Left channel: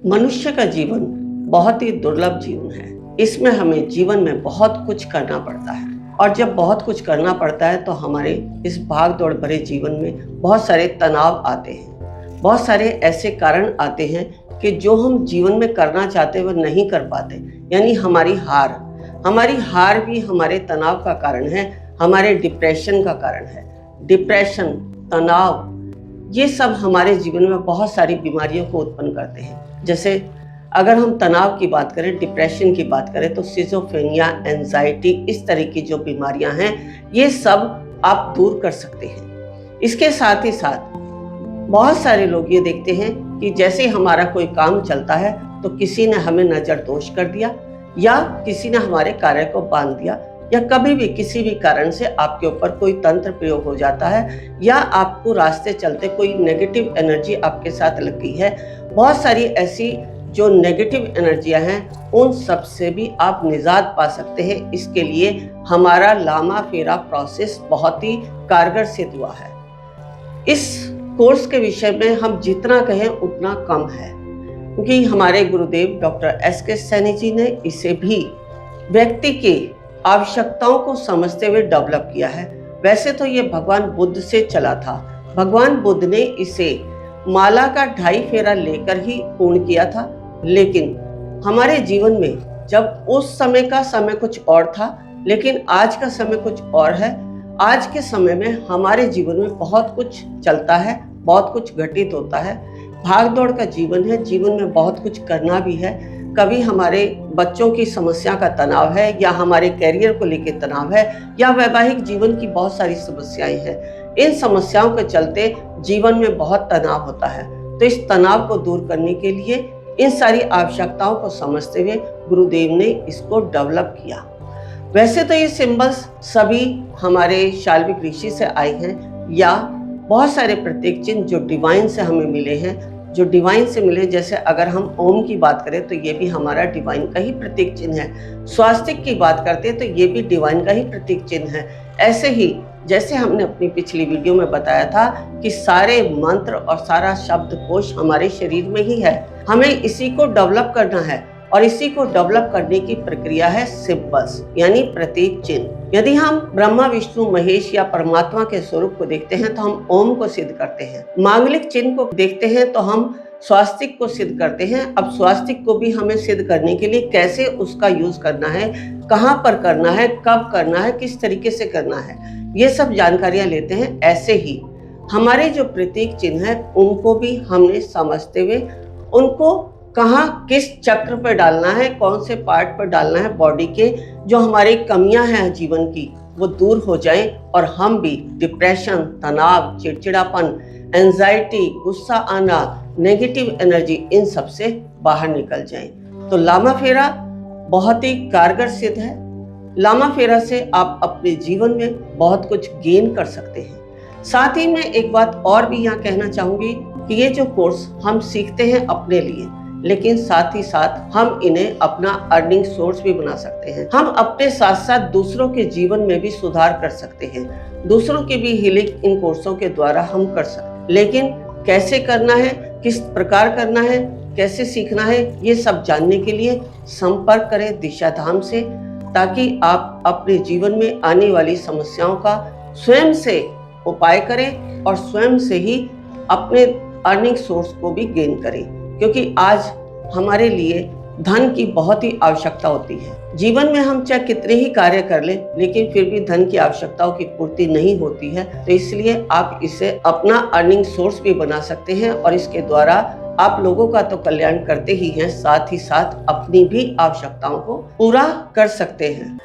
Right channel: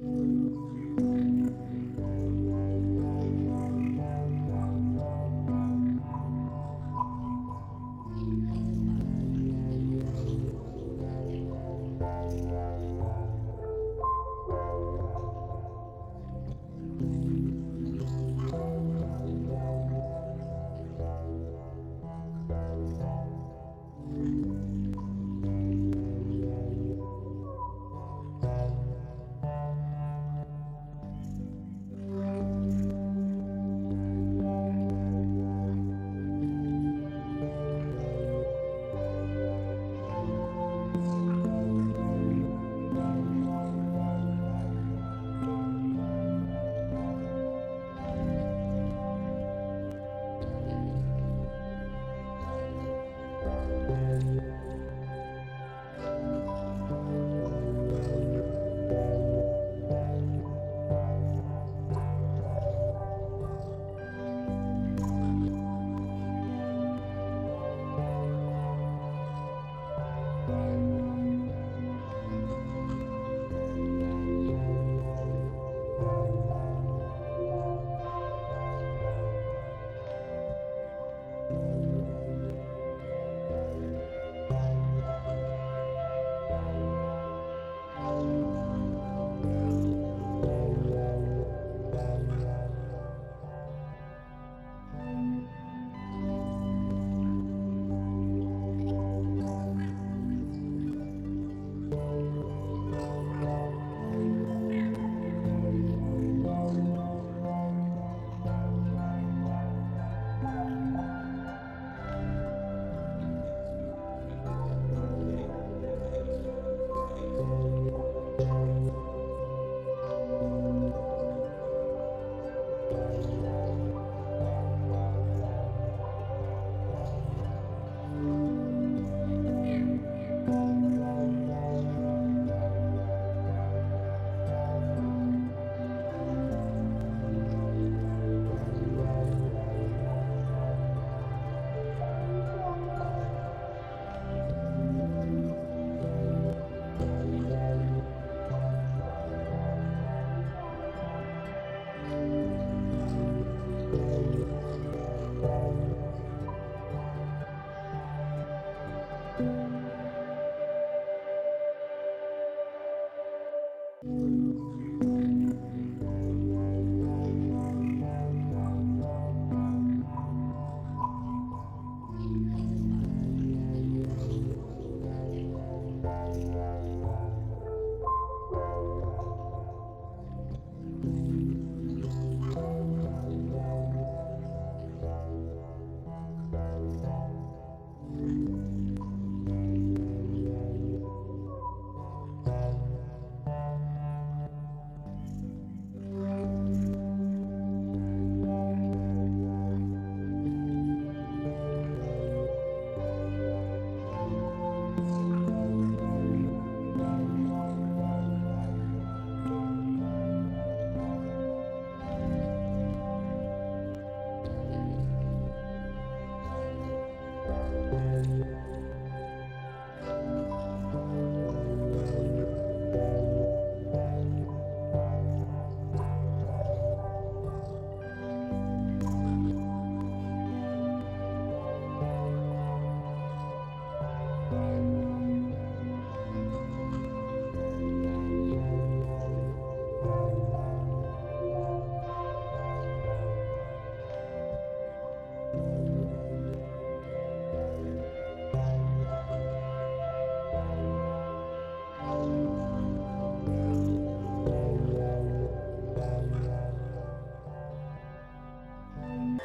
मनुष्य का जीवन बहुत ही दुर्लभ जीवन है। इसमें हमें जीवन में बहुत कुछ करना पड़ता है और जब बहुत कुछ करना पड़ता है तो हमारे इस भाग दौड़ भरे जीवन में बहुत सारे तनाव आते हैं। बहुत सारे ऐसे कारण आते हैं कि जो हम जीवन में करना चाहते हुए नहीं कर पाते, यानी हमारी हार भी हमारे तनाव का कारण है, हमारे डिप्रेशन का कारण है। डिप्रेशन, तनाव, ये सब हमारे जीवन में बहुत सारी बीमारियों को उत्पन्न करते हैं। जैसे अगर हम तनाव की बात करें, डिप्रेशन की बात करें, तो सिजोफ्रेनिया, एंजाइटी, इस तरह की जो बीमारियां हैं, ये सब आप दूर कर सकते हैं। इसके साथ ही साथ बहुत सारे लोग ये देखते हैं कि जैसे ही हमारा कोई काम चलता है तो किसी ने हमें नज़रदोष कर दिया या किसी ने हमारे कार्य को बांध दिया, या कभी भी किसी भी कारण से आपके ऊपर कोई तंत्र प्रयोग हो जाता है, या आपको रास्ते चलते कोई नेगेटिव एनर्जी आपके साथ लग गई है। बहुत सारी ऐसी जो नेगेटिव एनर्जियां हैं, उन सब से भी आप निजात पा सकते हैं। इसके लिए हमारा लामा फेरा प्रोसेस बहुत ही कारगर सिद्ध हुआ है। इस कोर्स के विषय में हम जितना कहें उतना कम है, क्योंकि हमारे गुरुदेव डॉक्टर एस.के. सैनी जी ने इसे भी व्यक्ति के आवश्यकताओं को समझते हुए डेवलप किया है। वैसे तो ये भगवान बुद्ध से चला था। भगवान बुद्ध ने इसे माला का 2.5 फेरा लेकर ही पूर्ण किया था, लेकिन हमारे जीवन में जब उस समय का समय कुछ और था, लेकिन आज का समय कुछ और है। आज के समय में हमारे जीवन में बहुत कुछ चलता है, बहुत कुछ घटित होता है। भाग दौड़ का जीवन है, जीवन में बहुत कुछ करना भी है। कभी हमारे बच्चों की समस्या का तनाव है, या हमारे कैरियर को लेकर तनाव है, या वैवाहिक जीवन की बहुत सारी समस्याएं हैं। इन समस्याओं के चलते जीवन में बहुत तनाव होता है। तो इस तनाव को दूर करने के लिए इन सारी आवश्यकताओं को समझते हुए गुरुदेव ने इसको डेवलप किया। वैसे तो ये सिंबल्स सभी हमारे शाल्विक ऋषि से आए हैं, या बहुत सारे प्रतीक चिन्ह जो डिवाइन से हमें मिले हैं, जो डिवाइन से मिले। जैसे अगर हम ओम की बात करें तो ये भी हमारा डिवाइन का ही प्रतीक चिन्ह है। स्वास्तिक की बात करते हैं तो ये भी डिवाइन का ही प्रतीक चिन्ह है। ऐसे ही जैसे हमने अपनी पिछली वीडियो में बताया था कि सारे मंत्र और सारा शब्दकोश हमारे शरीर में ही है। हमें इसी को डेवलप करना है, और इसी को डेवलप करने की प्रक्रिया है सिंबल्स, यानी प्रतीक चिन्ह। यदि हम ब्रह्मा, विष्णु, महेश या परमात्मा के स्वरूप को देखते हैं तो हम ओम को सिद्ध करते हैं। मांगलिक चिन्ह को देखते हैं तो हम स्वास्तिक को सिद्ध करते हैं। अब स्वास्तिक को भी हमें सिद्ध करने के लिए कैसे उसका यूज करना है, कहाँ पर करना है, कब करना है, किस तरीके से करना है, ये सब जानकारियां लेते हैं। ऐसे ही हमारे जो प्रतीक चिन्ह है उनको भी हमने समझते हुए उनको कहाँ किस चक्र पर डालना है, कौन से पार्ट पर डालना है बॉडी के, जो हमारी कमियां हैं जीवन की वो दूर हो जाएं और हम भी डिप्रेशन, तनाव, चिड़चिड़ापन, एंजाइटी, गुस्सा आना, नेगेटिव एनर्जी, इन सब से बाहर निकल जाएं। तो लामा फेरा बहुत ही कारगर सिद्ध है। लामा फेरा से आप अपने जीवन में बहुत कुछ गेन कर सकते हैं। साथ ही मैं एक बात और भी यहाँ कहना चाहूंगी कि ये जो कोर्स हम सीखते हैं अपने लिए, लेकिन साथ ही साथ हम इन्हें अपना अर्निंग सोर्स भी बना सकते हैं। हम अपने साथ साथ दूसरों के जीवन में भी सुधार कर सकते हैं। दूसरों की भी हीलिंग इन कोर्सों के द्वारा हम कर सकते हैं। लेकिन कैसे करना है, किस प्रकार करना है, कैसे सीखना है, ये सब जानने के लिए संपर्क करें दिशा धाम से, ताकि आप अपने जीवन में आने वाली समस्याओं का स्वयं से उपाय करें और स्वयं से ही अपने अर्निंग सोर्स को भी गेन करें। क्योंकि आज हमारे लिए धन की बहुत ही आवश्यकता होती है। जीवन में हम चाहे कितने ही कार्य कर लें, लेकिन फिर भी धन की आवश्यकताओं की पूर्ति नहीं होती है। तो इसलिए आप इसे अपना अर्निंग सोर्स भी बना सकते हैं, और इसके द्वारा आप लोगों का तो कल्याण करते ही हैं, साथ ही साथ अपनी भी आवश्यकताओं को पूरा कर सकते हैं।